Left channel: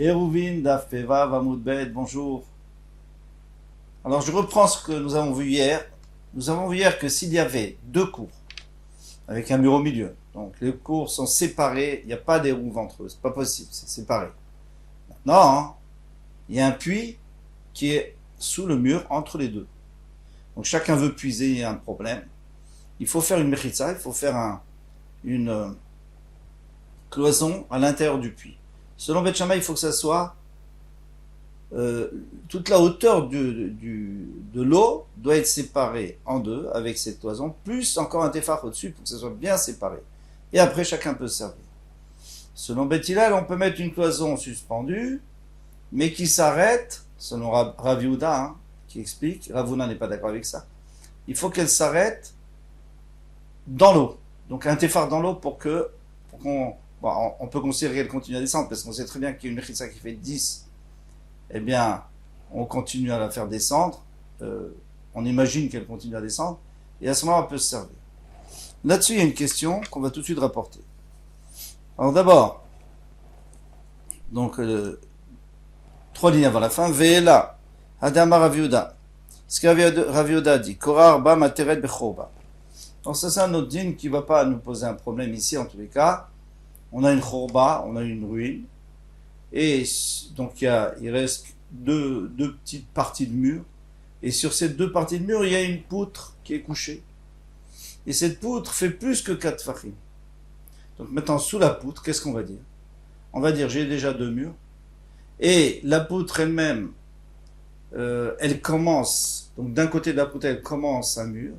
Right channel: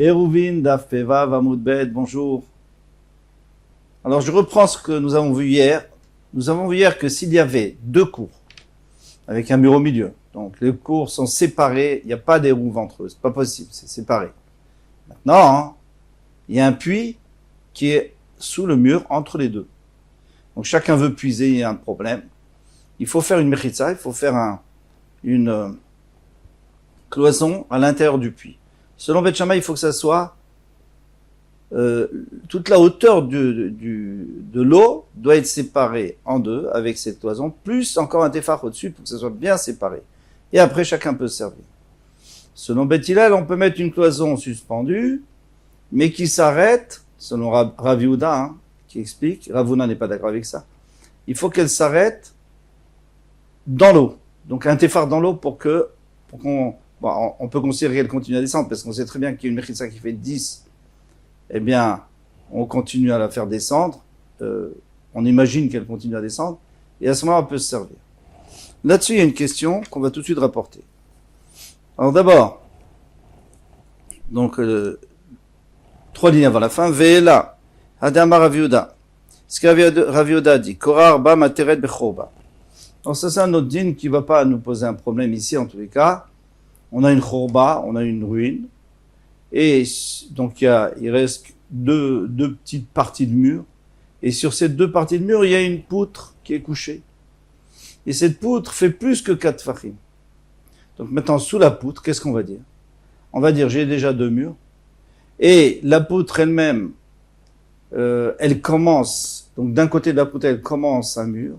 Eruvin Dafeva Vamoudbet, bonjour. Alors je reprends ce que nous avons vu hier. Nous avons vu hier que s'il y avait deux cours, avec un mur au milieu, donc les cours sont séparés, il n'y a pas d'érouve entre eux, c'est pas possible, c'est séparé. Maintenant, hein, il y a un puits qui est sous le mur entre les deux. Donc chacun veut puiser, il y a un problème. Il faut faire une mechitza, il faut faire une cloison à l'intérieur du puits. Selon Beth Shammai, il faut que ça soit toute la hauteur de l'eau doit être séparée en deux avec cette cloison, plus encore un téfar au-dessus pour que ça soit bien séparé. Et après, chacun peut se servir. Selon Beth Hillel, on peut mettre une cloison suspendue, mais qui s'arrête, selon Rav Yehuda, hein, qui explique, Rav Huna n'est pas d'accord avec ça, il faut qu'elle s'arrête dans l'eau. Donc un téfar dans l'eau pour qu'on... Bon, on peut considérer qu'elle continue à descendre, parce qu'on sait très bien qu'il y a une mechitza qui fait 10, eh bien, on continue à la faire descendre, on imagine qu'elle continue à descendre, et à ce moment-là, on peut se servir. Là-dessus, il y a une question qu'on va tout de suite rapporter. Alors d'abord, donc, 3 lignes avant la fin, Ve'ela, Hadama Rav Yehuda. Ce que Rav Yehuda dit, Korah Arba Materet Bechorba. Donc ça, c'est un autre dîne qui ne va pas nous poser un problème ici, en tous les cas. On a une chorba, on a une ruine, et donc il reste deux petites parties de mur, et sur ces deux parties de mur, il y a une poutre qui est couchée. Et cette poutre fait plus que 4 fachim. Donc maintenant, sous la poutre, qu'est-ce qu'on va dire? On va dire, j'ai déjà 2 murs, et la poutre elle-même, elle commence, donc d'un côté de la poutre, elle commence un mur,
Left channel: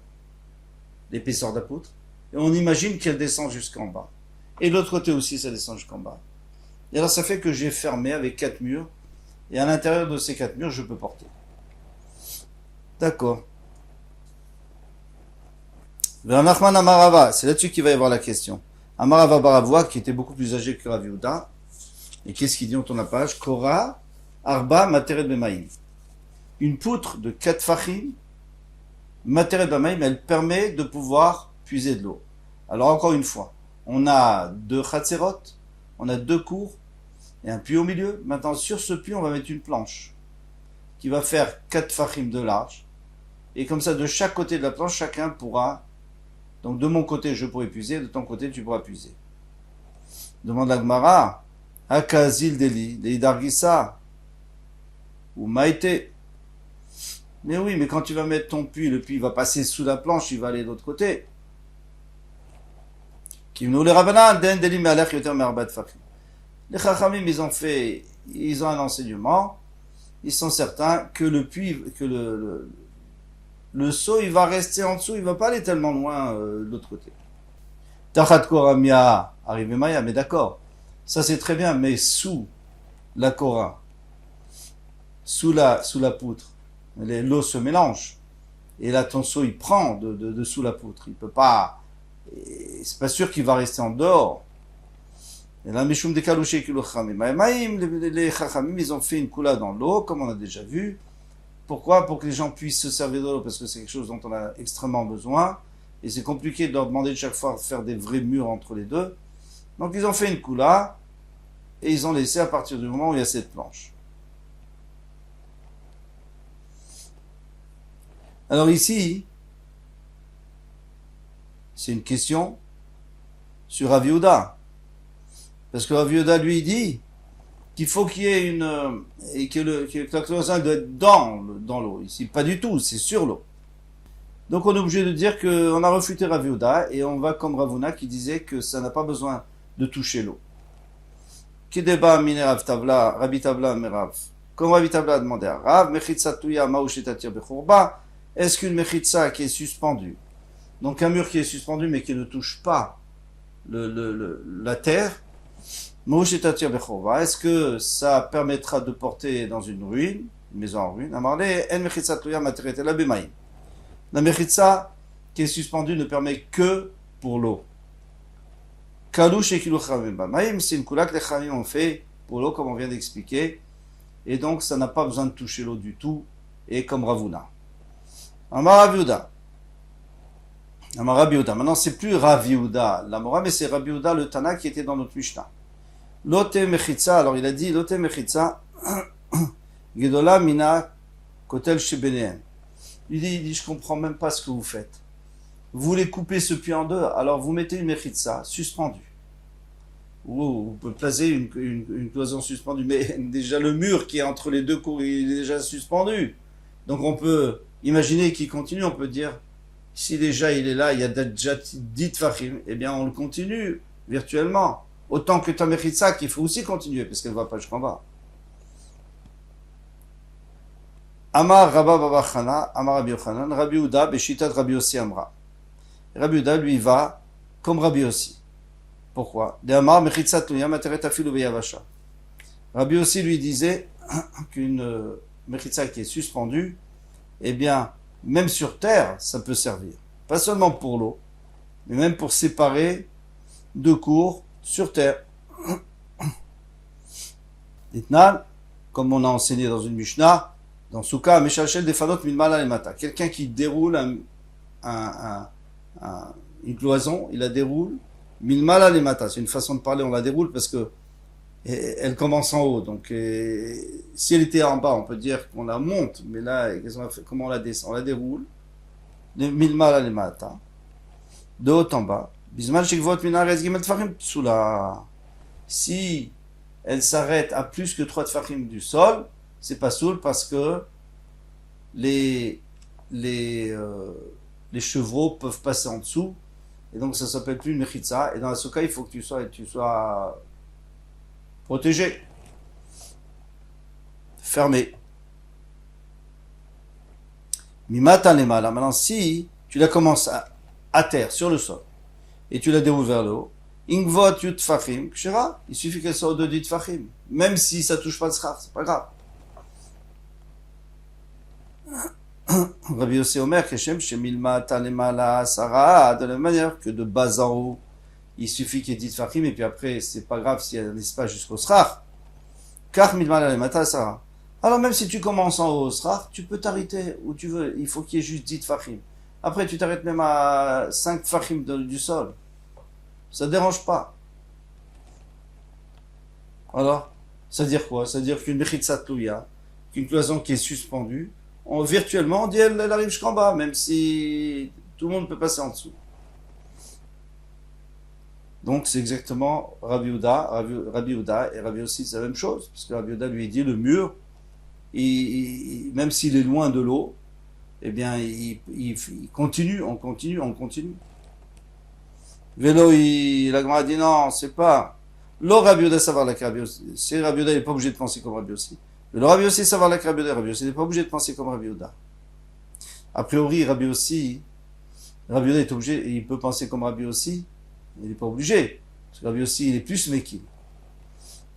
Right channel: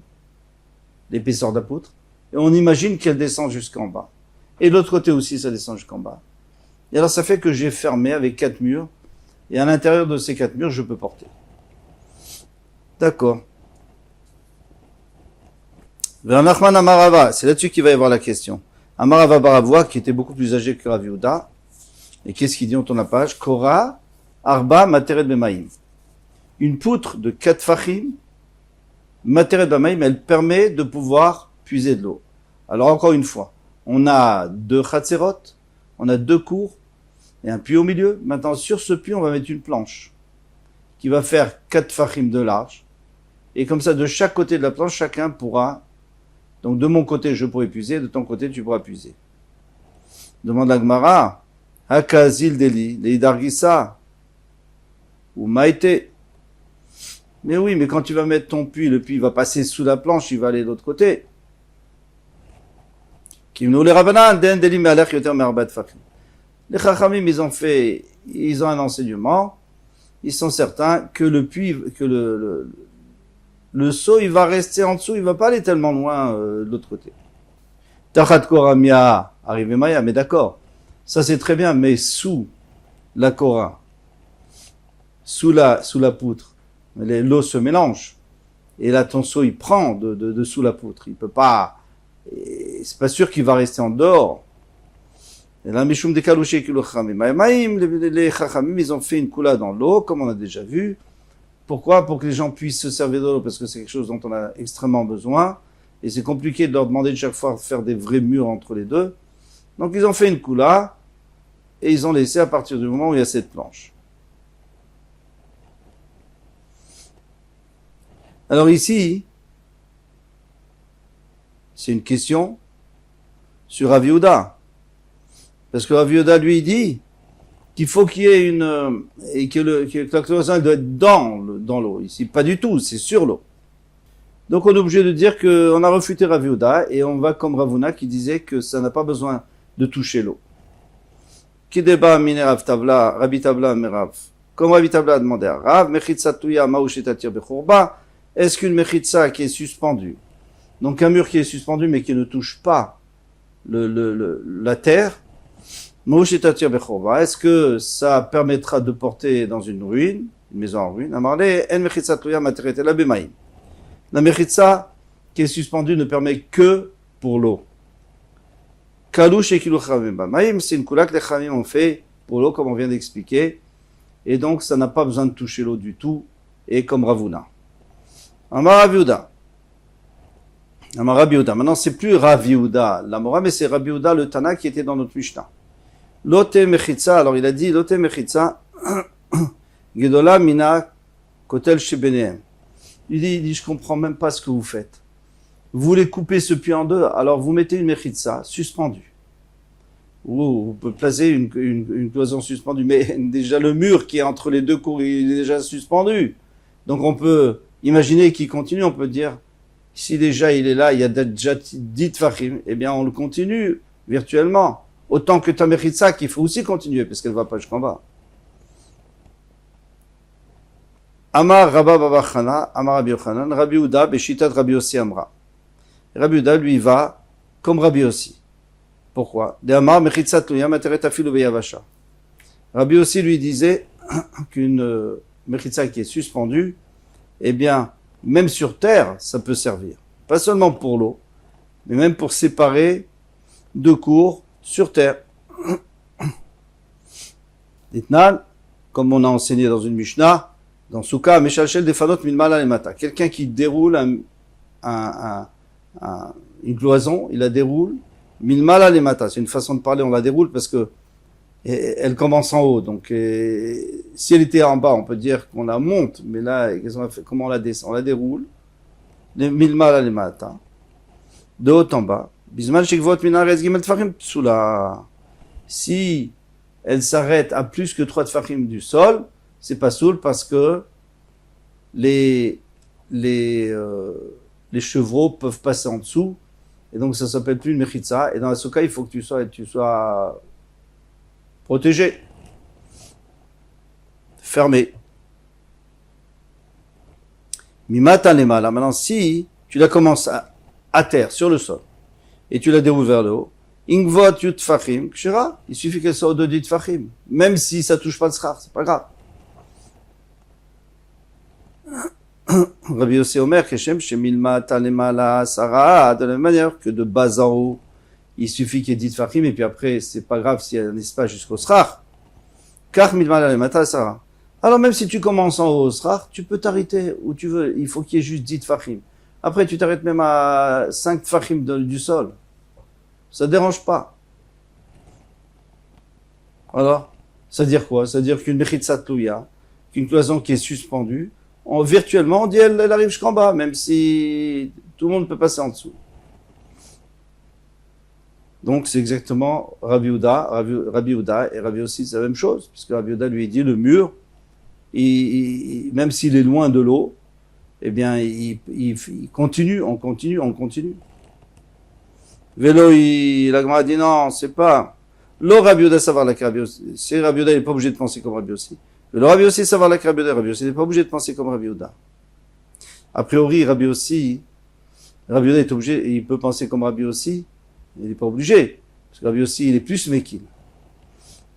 l'épaisseur de la poutre, et on imagine qu'elle descend jusqu'en bas. Et de l'autre côté aussi, ça descend jusqu'en bas. Et alors, ça fait que j'ai fermé avec 4 murs. Et à l'intérieur de ces 4 murs, je peux porter. D'accord. Nachman Amarava, c'est là-dessus qu'il va y avoir la question. Amarava Baravois, qui était beaucoup plus âgé que Rav Yehuda. Et qu'est-ce qu'il dit en tourne la page? Korah, Arba, Materet Bemaim. Une poutre de 4 fachim, Materet Bemaim, elle permet de pouvoir puiser de l'eau. Alors, encore une fois, on a 2 chatzerot, on a 2 cours, et un puits au milieu. Maintenant, sur ce puits, on va mettre une planche qui va faire 4 fachim de large. Et comme ça, de chaque côté de la planche, chacun pourra... Donc, de mon côté, je pourrai puiser, de ton côté, tu pourras puiser. Demande la Gemara, Hakazil Deli, Leidargisa, ou Maïté. Mais oui, mais quand tu vas mettre ton puits, le puits va passer sous la planche, il va aller de l'autre côté. Les Chachamim, ils ont un enseignement, ils sont certains que le puits, que le seau, il va rester en dessous, il va pas aller tellement loin de l'autre côté. Tachat Koramia, arrivé Maya, mais d'accord, ça c'est très bien, mais sous la Korah, sous la poutre, l'eau se mélange, et là ton seau il prend de sous la poutre, il peut pas... Et c'est pas sûr qu'il va rester en dehors. Et là, Mishum de Kalouché qui le les Chachamim, ils ont fait une coula dans l'eau, comme on a déjà vu. Pourquoi? Pour que les gens puissent se servir de l'eau, parce que c'est quelque chose dont on a extrêmement besoin. Et c'est compliqué de leur demander de chaque fois de faire des vrais murs entre les deux. Donc ils ont fait une coula, et ils ont laissé à partir du moment où il y a cette planche. Alors ici, c'est une question sur Rav Yehuda. Parce que Rav Yehuda lui dit qu'il faut qu'il y ait une... et que la cloison doit être dans l'eau. Ici, pas du tout, c'est sur l'eau. Donc on est obligé de dire qu'on a refuté Rav Yehuda et on va comme Rav Huna qui disait que ça n'a pas besoin de toucher l'eau. Kideba mine Rav Tabla, Rabbi Tabla Merav. Comme Rabbi Tabla a demandé à Rav, Mechitza Tuya Maouchetatir Bechorba, est-ce qu'une Mechitza qui est suspendue, donc un mur qui est suspendu mais qui ne touche pas la terre, est-ce que ça permettra de porter dans une ruine, une maison en ruine? La mechitza qui est suspendue ne permet que pour l'eau. C'est une coula que les chamim ont fait pour l'eau, comme on vient d'expliquer, et donc ça n'a pas besoin de toucher l'eau du tout, et comme Rav Huna. Amar Rav Yehuda. Maintenant, c'est plus Rav Yehuda, l'Amora, mais c'est Rav Yehuda, le Tana, qui était dans notre Mishnah. Lote mechitza, alors il a dit, lote mechitza, gedola mina kotel shebenehem. Il dit, je comprends même pas ce que vous faites. Vous voulez couper ce puits en deux, alors vous mettez une mechitza suspendue. Ou vous pouvez placer une cloison suspendue, mais déjà le mur qui est entre les deux cours, il est déjà suspendu. Donc on peut imaginer qu'il continue, on peut dire, si déjà il est là, il y a déjà 10 tfachim, eh bien on le continue virtuellement. Autant que ta mechitza qu'il faut aussi continuer, parce qu'elle ne va pas jusqu'en bas. Amar Rabba Baba Chana, Amar Rabbi Yochanan, Rabbi Uda, Beshitat Rabbi Yossi Amra. Rabbi Uda, lui, va comme Rabbi Yossi. Pourquoi? De Amar Mechitzat Luya Materet Afilu Beyavasha. Rabbi Yossi lui disait qu'une mechitza qui est suspendue, eh bien, même sur terre, ça peut servir. Pas seulement pour l'eau, mais même pour séparer deux cours sur terre. Ditnan, comme on a enseigné dans une Mishnah, dans Souka, Meshalchel Defanot Milmala Lemata. Quelqu'un qui déroule une cloison, il la déroule, Milmala Lemata. C'est une façon de parler, on la déroule parce que elle commence en haut. Donc, si elle était en bas, on peut dire qu'on la monte, mais là, comment on la descend? On la déroule, Milmala Lemata, de haut en bas. Bisman Shekvot Minarez Gimel Tfachim Tsula. Si elle s'arrête à plus que 3 tfachim du sol, c'est pas soul parce que les chevreaux peuvent passer en dessous et donc ça s'appelle plus une mechitza. Et dans la souka, il faut que tu sois protégé, fermé. Mimatan lemala. Maintenant, si tu la commences à terre, sur le sol, et tu la déroules vers le haut, ingvot yut tfachim kshira. Il suffit qu'elle soit au-dessus de tfachim, même si ça touche pas de schar, c'est pas grave. Rabbi Yossi Omer, Keshem, Shemilma, Talemala, Sarah, de la même manière que de bas en haut, il suffit qu'il y ait 10 tfachim, et puis après, c'est pas grave s'il y a un espace jusqu'au srar. Car Milma, Talemala, Sarah. Alors même si tu commences en haut au srar, tu peux t'arrêter où tu veux, il faut qu'il y ait juste 10 tfachim. Après, tu t'arrêtes même à 5 tfachim du sol. Ça ne dérange pas. Alors, ça veut dire quoi? Ça veut dire qu'une mechitza tlouya, qu'une cloison qui est suspendue, virtuellement, on dit elle arrive jusqu'en bas, même si tout le monde peut passer en dessous. Donc c'est exactement Rabbi Uda et Rabbi Yossi, c'est la même chose, parce que Rabbi Uda lui dit le mur, même s'il est loin de l'eau, eh bien il continue, on continue. Vélo, la Gemara dit non, c'est pas. L'eau Rabbi Uda savoir la Rabbi Yossi. C'est Rabbi Uda, il n'est pas obligé de penser comme Rabbi Yossi. Le Rabbi Yossi savoir la Rabbi Uda, Rabbi Yossi n'est pas obligé de penser comme Rabbi Uda. A priori, Rabbi Uda est obligé, il peut penser comme Rabbi Yossi, il n'est pas obligé. Parce que Rabbi Yossi, il est plus mekil.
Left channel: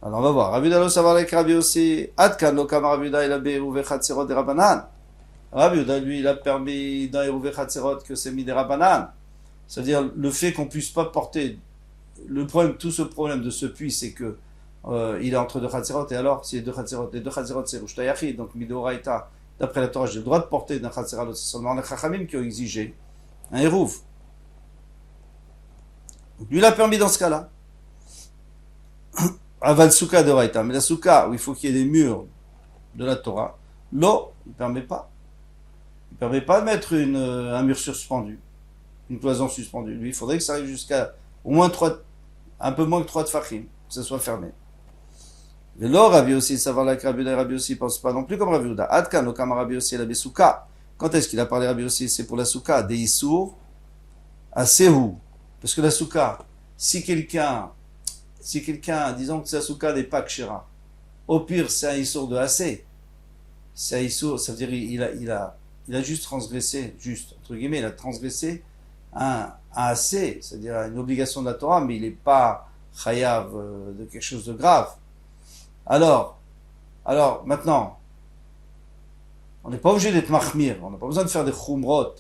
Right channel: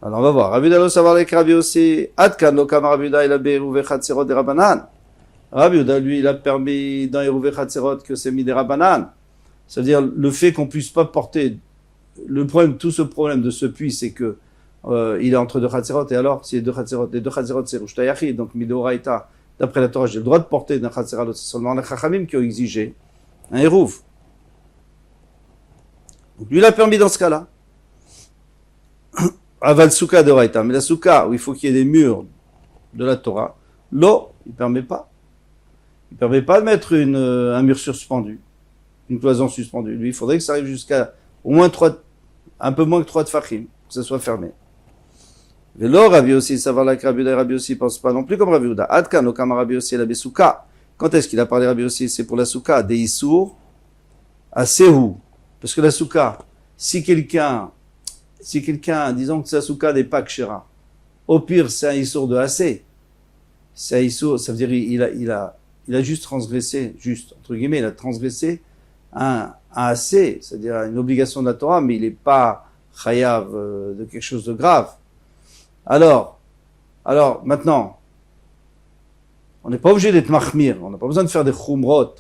Alors on va voir. Rabbi Uda lo savoir la Rabbi Yossi. Adkan lo kam Rabbi Uda il a beruve chatzerot de Rabbanan. Rabbi Uda, lui, il a permis dans Eruve chatzerot que c'est mis des Rabbanan. C'est-à-dire le fait qu'on puisse pas porter. Tout ce problème de ce puits, c'est que il est entre deux chatzerot, et alors, si les deux chatzerot, c'est Rushta Yachid, donc Midoraita, d'après la Torah, j'ai le droit de porter d'un chatzerot, c'est seulement les Chachamim qui ont exigé un Eruv. Donc lui, il a permis dans ce cas-là. Aval Souka de Raita, mais la Souka, où il faut qu'il y ait des murs de la Torah, l'eau, il ne permet pas. Il ne permet pas de mettre un mur suspendu, une cloison suspendue. Lui, il faudrait que ça arrive jusqu'à au moins un peu moins que 3 tfachim, que ça soit fermé. Et là, Rabbi Yossi, savoir la Rabbi Uda et Rabbi Yossi ne pense pas non plus comme Rabbi Uda. Adkan, okam Rabbi Yossi, la besouka. Quand est-ce qu'il a parlé Rabbi Yossi? C'est pour la souka, des issour, à Sehu. Parce que la souka, si quelqu'un, disons que sa souka n'est pas kshera, au pire, c'est un issour de assez. C'est un issour, ça veut dire il a juste transgressé, entre guillemets, il a transgressé un assez, c'est-à-dire une obligation de la Torah, mais il n'est pas chayav de quelque chose de grave. Alors, maintenant, on n'est pas obligé d'être mahmir, on n'a pas besoin de faire des chumrot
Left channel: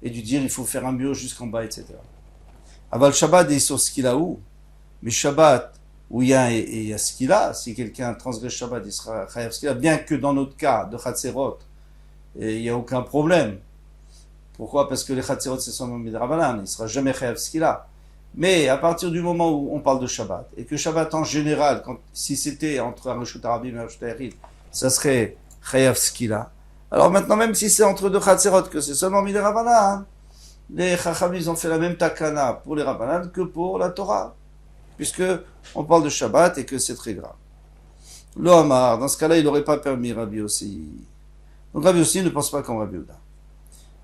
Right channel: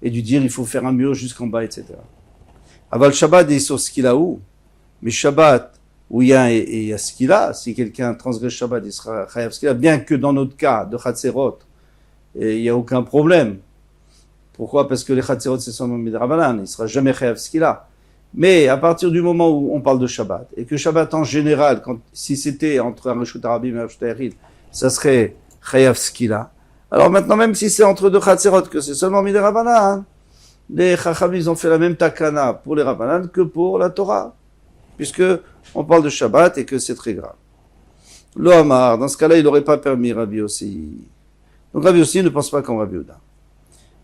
et de dire il faut faire un mur jusqu'en bas, etc. Aval Shabbat est sur ce qu'il a où, mais Shabbat où il y a ce qu'il a, si quelqu'un transgresse Shabbat, il sera chayav ce qu'il a, bien que dans notre cas de Chatzerot, il n'y a aucun problème. Pourquoi? Parce que les Chatzerot c'est seulement Midrabanan, il ne sera jamais chayav ce qu'il a. Mais à partir du moment où on parle de Shabbat, et que Shabbat en général, si c'était entre un Reshut Arabim et un Reshut Ayachid, ça serait Chayav Skila. Alors maintenant, même si c'est entre deux Chatzerot, que c'est seulement mis les Rabbanan, les Chachamim, ils ont fait la même takana pour les Rabbanan que pour la Torah, puisque on parle de Shabbat et que c'est très grave. Lo Amar, dans ce cas-là, il n'aurait pas permis Rabbi Yossi. Donc Rabbi Yossi ne pense pas comme Rabbi Yehuda.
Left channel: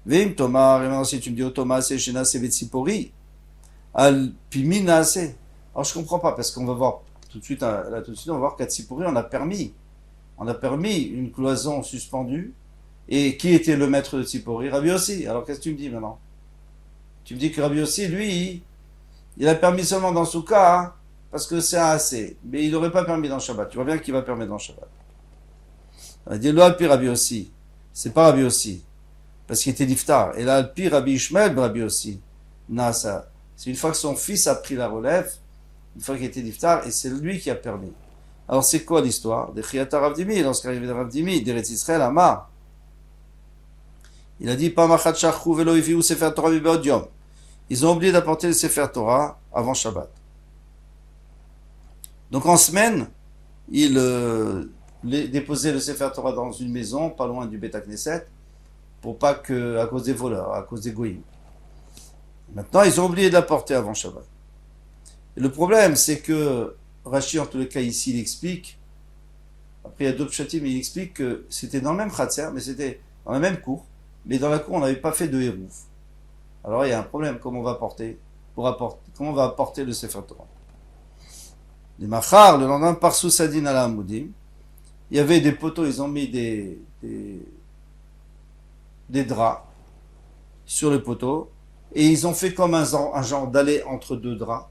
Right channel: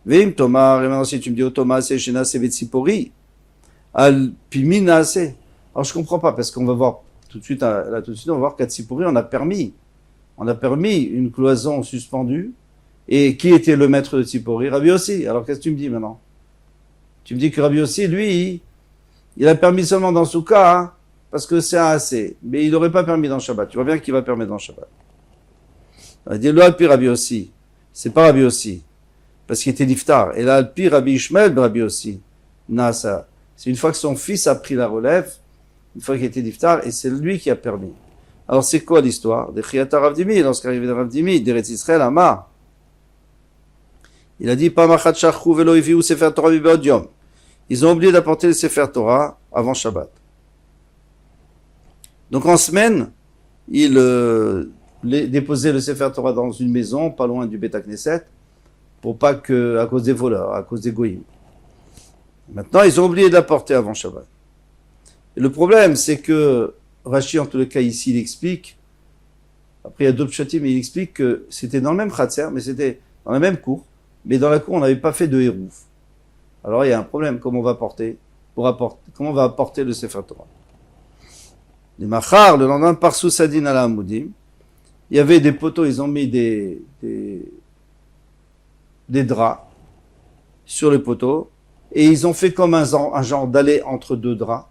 Vim Tomar, et maintenant si tu me dis, oh Thomas, c'est Shena, c'est Vetsipori, al Pimina, c'est. Alors je comprends pas, parce qu'on va voir tout de suite, là tout de suite, on va voir qu'à Tzipori, on a permis une cloison suspendue, et qui était le maître de Tzipori? Rabbi Yossi. Alors qu'est-ce que tu me dis maintenant? Tu me dis que Rabbi Yossi, lui, il a permis seulement dans Souka, hein, parce que c'est un assez, mais il n'aurait pas permis dans Shabbat. Tu vois bien qu'il va permettre dans Shabbat. On va dire, là, puis Rabbi Yossi, c'est pas Rabbi Yossi, parce qu'il était niftar. Et là, puis Rabbi Ishmael, Rabbi Yossi, Nasa. C'est une fois que son fils a pris la relève, une fois qu'il était niftar, et c'est lui qui a permis. Alors c'est quoi l'histoire? De Chiyata Rav Dimi, lorsqu'arrivé de Rav Dimi, d'Eretz Israël, Amar. Il a dit, Pamachat Shachru velo iviu sefer Torah mibeod yom. Ils ont oublié d'apporter le Sefer Torah avant Shabbat. Donc en semaine, ils déposaient le Sefer Torah dans une maison, pas loin du Beth Knesset, pour pas que, à cause des voleurs, à cause des goïms. Maintenant, ils ont oublié de l'apporter avant Shabbat. Et le problème, c'est que Rashi, en tous les cas, ici, il explique, après il y a d'autres chatim, mais il explique que c'était dans le même khatser, mais c'était dans la même cour, mais dans la cour, on n'avait pas fait de hérouf. Alors il y a un problème, comment on va apporter le Sefer Torah. Les machar, le lendemain, par Soussadin à la Hamoudim, il y avait des poteaux, ils ont mis des draps sur les poteaux, et ils ont fait comme un genre d'aller entre deux draps,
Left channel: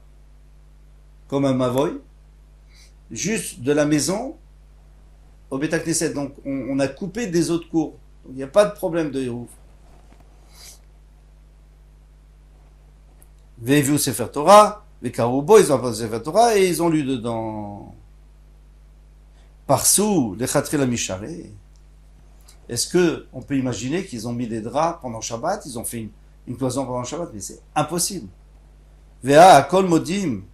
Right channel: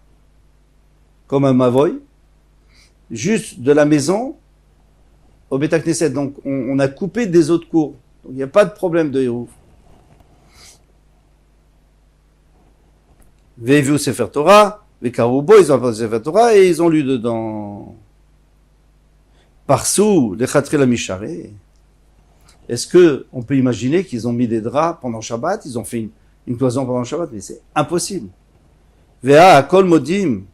comme un mavoy, juste de la maison au Beth Knesset. Donc on a coupé des autres cours, donc il n'y a pas de problème de hérouf. Ve'eviu Sefer Torah, ve'karubo, ils ont apporté Sefer Torah et ils ont lu dedans. Parsou, les Chatre la Misharé. Est-ce que on peut imaginer qu'ils ont mis des draps pendant Shabbat, ils ont fait une cloison pendant Shabbat, mais c'est impossible. Ve'a akol modim,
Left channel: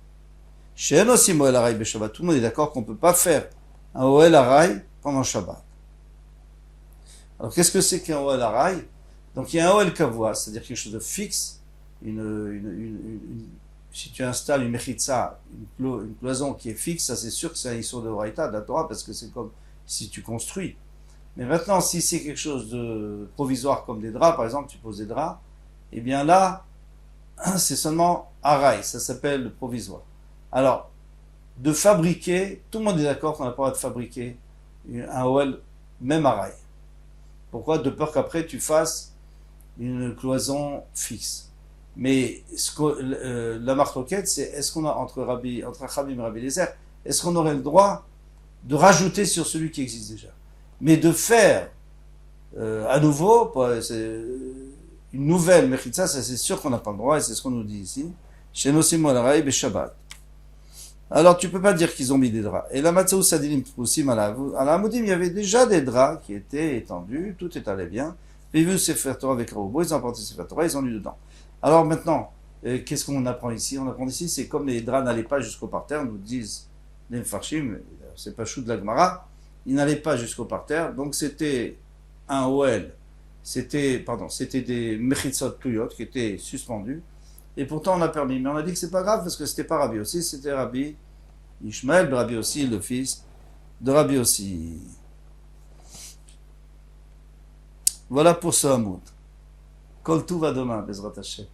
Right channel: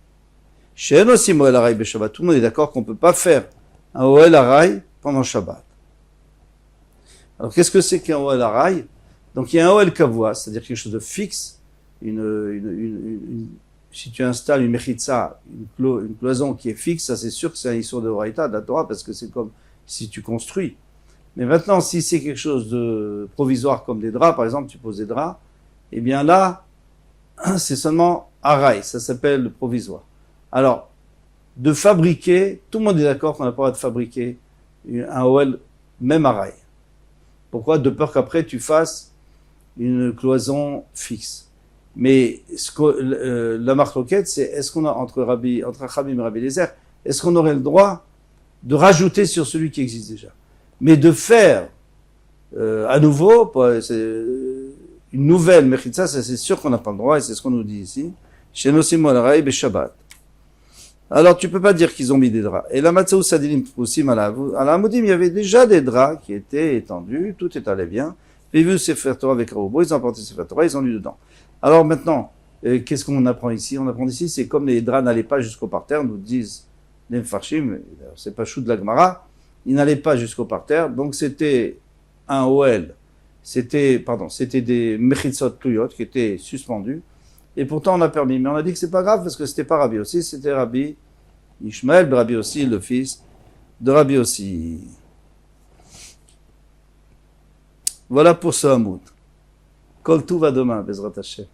she'en osim oel haray beShabbat. Tout le monde est d'accord qu'on ne peut pas faire un oel haray pendant Shabbat. Alors qu'est-ce que c'est qu'un oel haray? Donc il y a un oel kavua, c'est-à-dire quelque chose de fixe. Si tu installes une mechitza, une cloison qui est fixe, ça c'est sûr que c'est un issur de Horaïta, de la Torah, parce que c'est comme si tu construis. Mais maintenant, si c'est quelque chose de provisoire comme des draps, par exemple, tu poses des draps, eh bien là, c'est seulement araï, ça s'appelle provisoire. Alors, de fabriquer, tout le monde est d'accord qu'on n'a pas le droit de fabriquer un OL, même araï. Pourquoi? De peur qu'après tu fasses une cloison fixe. Mais la marque-roquette, c'est est-ce qu'on a entre Chachamim et Rabbi Eliezer, est-ce qu'on aurait le droit de rajouter sur celui qui existe déjà? Mais de faire à nouveau une nouvelle mechitza, ça c'est sûr qu'on n'a pas le droit, et c'est ce qu'on nous dit ici. Chez Nosim Alaray Beshabbat. Alors tu peux pas dire qu'ils ont mis des draps. Et la Matzaou Sadilim aussi, à la Hamoudim, il y avait déjà des draps qui étaient étendus, tout est allé bien. Ils vu Sefer Torah avec Raobo, ils ont apporté Sefer Torah, ils ont lu dedans. Alors maintenant, qu'est-ce qu'on apprend ici? On apprend ici, c'est comme les draps n'allaient pas jusqu'au parterre, nous disent les Mfarshim, c'est pas chou de la Gemara, ils n'allaient pas jusqu'au parterre, donc c'était un OL, c'était des Mechitzot Tuyot qui étaient suspendus, et pourtant on a permis. Mais on a dit que c'est pas grave parce que c'était pas Rabbi aussi, c'était Rabbi Ishmael, Rabbi aussi, le fils de Rabbi aussi. Voilà pour ce Hamoud. Kol tout va demain, Bezrat Hashem.